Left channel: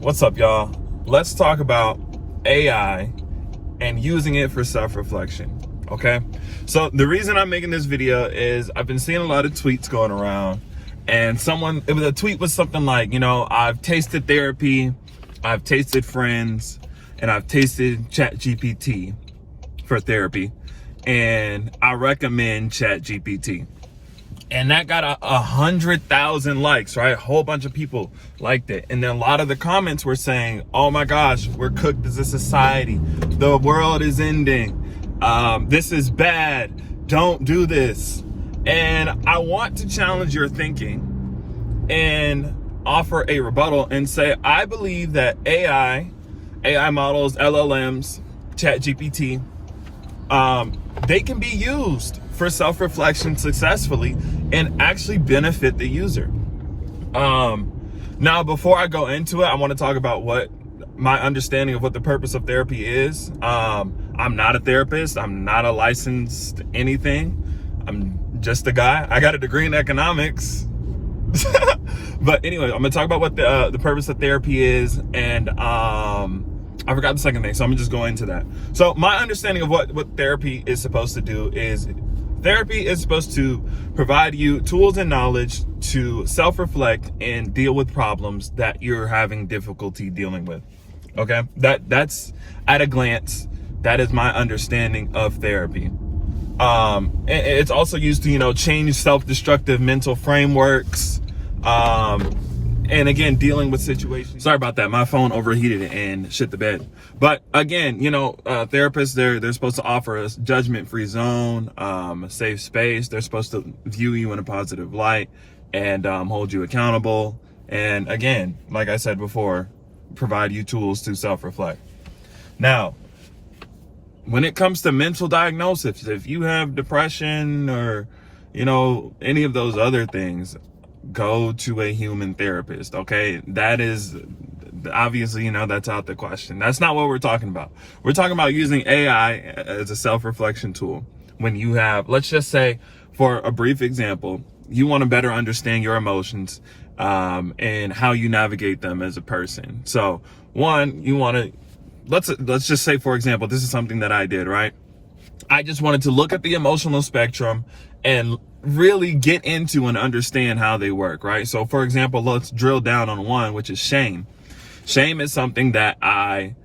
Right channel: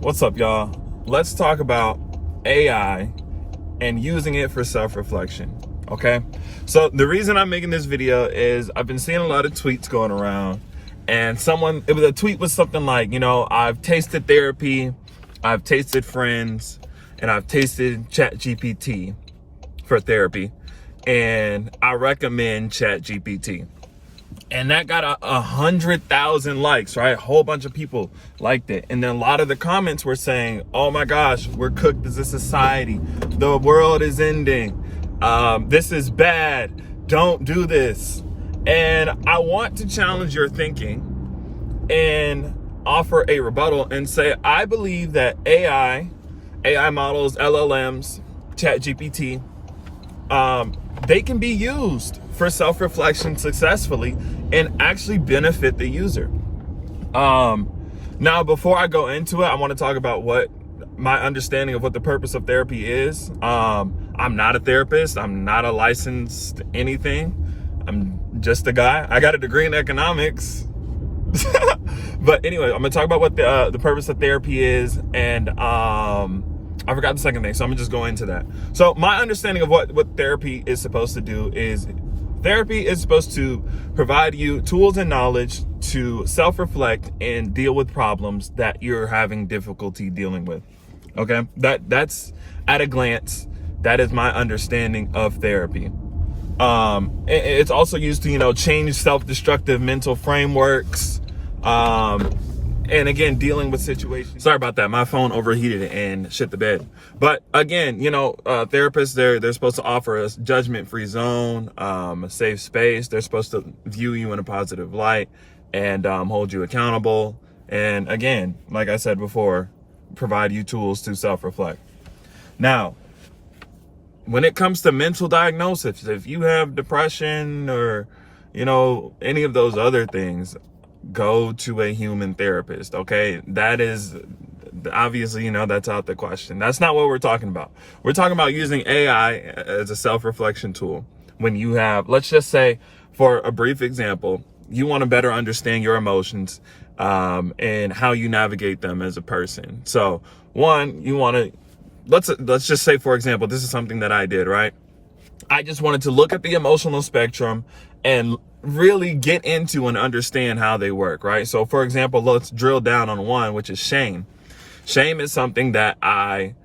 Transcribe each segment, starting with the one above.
What's up, y'all? Let's talk about AI and using it for self-reflection, okay? So the reason I'm making this video is I've been seeing a lot of tweets going around, and a tweet was something like, I've tasted therapy, I've tasted friends, and I've tasted ChatGPT for therapy, and I recommend ChatGPT. And that got 100,000 likes, right? A whole bunch of people liked it. And then a lot of the comments were saying, oh my gosh, we're cooked as a society. The world is ending. This is bad. Don't do this. And I want to challenge your thinking and offer a rebuttal and say, I believe that AI models, LLMs, ChatGPT, they can be used for self-reflection successfully and actually benefit the user. Now, before I go into it, I want to talk about what my understanding of what the purpose of therapy is. I'm not a therapist. I'm not a licensed anything. I'm just a guy. I got a degree in economics. But anyway, I'm gonna talk about what the purpose of therapy is, and I forgot the second thing, so I'm gonna just go into that. So my understanding of what therapy is supposed to do is therapy is supposed to provide you tools and knowledge to self-reflect and deal with problems that you're having difficulty dealing with. Okay, that's at a glance. That is my understanding of therapy. It's also used to change self-destructive mental frameworks. And again, dealing with situations. Sorry about that. My phone overheated and shit the bed. But again, therapists, they're supposed to offer us judgment-free zone, a safe space. They're supposed to view you in a positive light and hold you accountable. And again, like I said before, provide you tools to self-reflect. Now, when it comes to mental diagnosis, if you have depression or, any of those other things, go to a human therapist, okay? That is obviously, that's out the question. That's not what we're talking about. We're talking about using AI as a self-reflection tool. When you have, let's just say, for a brief example, you want to better understand your emotions and how you navigate them as a person. So one, you want to, let's just say, for example, this is something that I did, right? I just wanted to look at the emotional spectrum and really get into and understand how they work, right? So for example, let's drill down on one, which is shame. Shame is something that I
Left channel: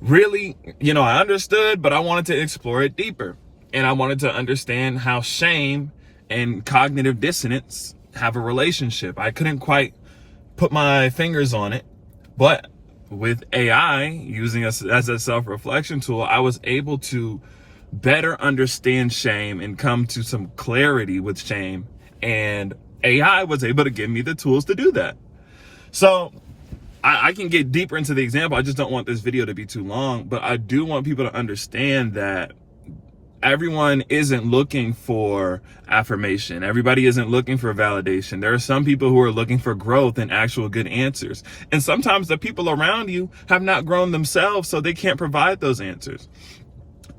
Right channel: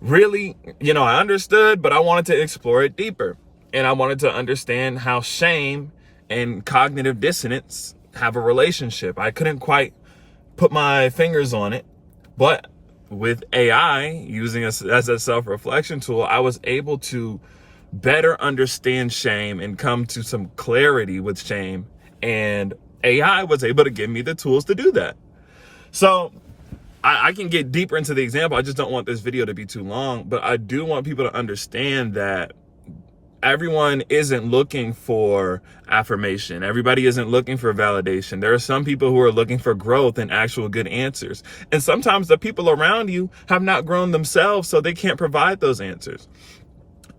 really, I understood, but I wanted to explore it deeper. And I wanted to understand how shame and cognitive dissonance have a relationship. I couldn't quite put my fingers on it, but with AI, using us as a self-reflection tool, I was able to better understand shame and come to some clarity with shame. And AI was able to give me the tools to do that. So I can get deeper into the example. I just don't want this video to be too long, but I do want people to understand that everyone isn't looking for affirmation. Everybody isn't looking for validation. There are some people who are looking for growth and actual good answers. And sometimes the people around you have not grown themselves, so they can't provide those answers.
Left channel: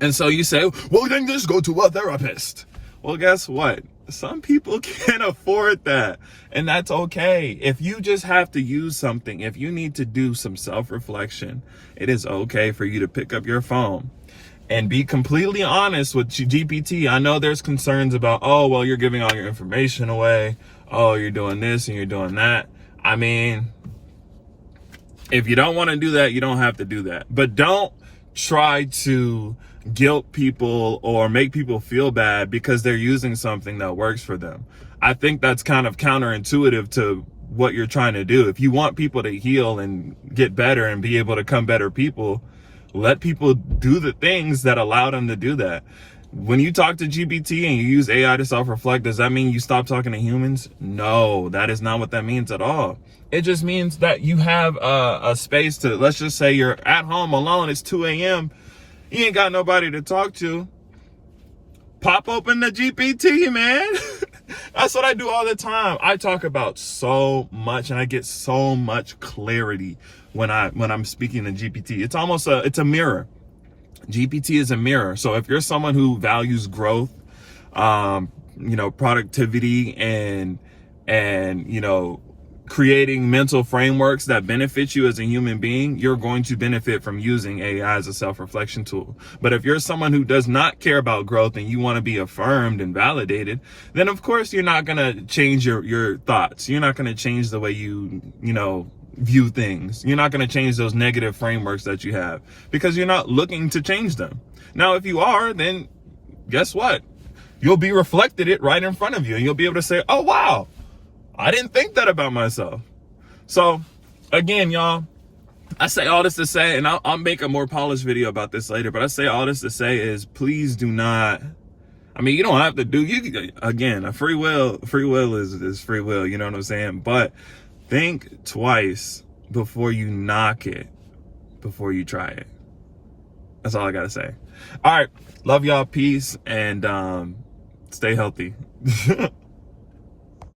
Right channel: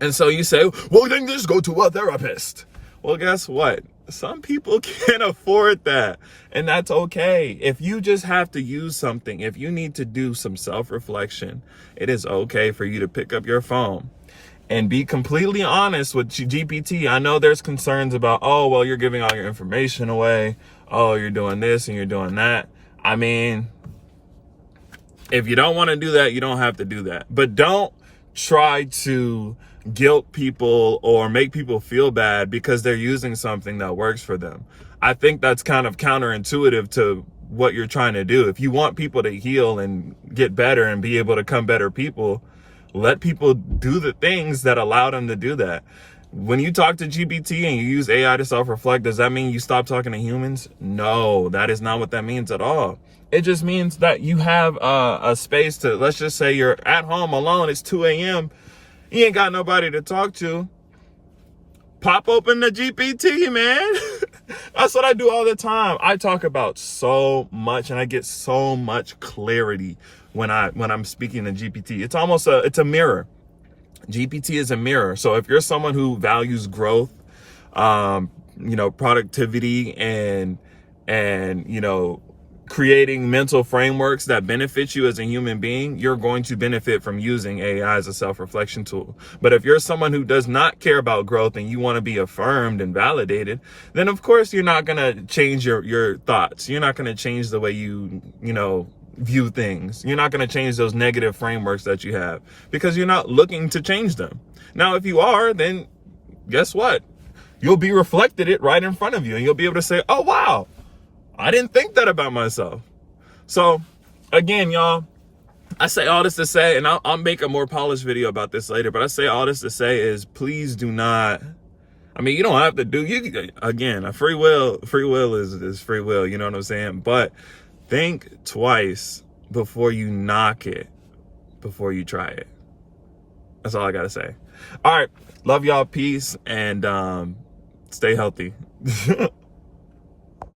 And so you say, well, then just go to a therapist. Well, guess what? Some people can't afford that. And that's okay. If you just have to use something, if you need to do some self-reflection, it is okay for you to pick up your phone and be completely honest with GPT. I know there's concerns about, oh, well, you're giving all your information away. Oh, you're doing this and you're doing that. I mean, if you don't want to do that, you don't have to do that. But don't try to guilt people or make people feel bad because they're using something that works for them. I think that's kind of counterintuitive to what you're trying to do. If you want people to heal and get better and be able to become better people, let people do the things that allow them to do that. When you talk to GPT and you use AI to self-reflect, does that mean you stop talking to humans? No, that is not what that means at all. It just means that you have a space to, let's just say you're at home alone, it's 2 a.m., you ain't got nobody to talk to. Pop open the GPT, man. That's what I do all the time. I talk about so much and I get so much clarity when I'm speaking to GPT. It's almost it's a mirror. GPT is a mirror. So if you're someone who values growth, productivity and creating mental frameworks that benefit you as a human being, you're going to benefit from using AI as a self-reflection tool. But if you're someone who does not care about growth and you want to be affirmed and validated, then of course you're not going to change your thoughts. You're not going to change the way you view things. You're not going to change those negative frameworks that you have because you're not looking to change them. Now, if you are, then guess what? You'll be reflected it right in front of you and you'll be able to say, oh, wow, I didn't think that about myself. So again, y'all, I say all this to say, and I'll make a more polished video about this later, but I say all this to say is please do not, I mean, you don't have to do, again, free will is free will, you know what I'm saying? But think twice before you knock it, before you try it. That's all I gotta say. All right, love y'all, peace, and stay healthy.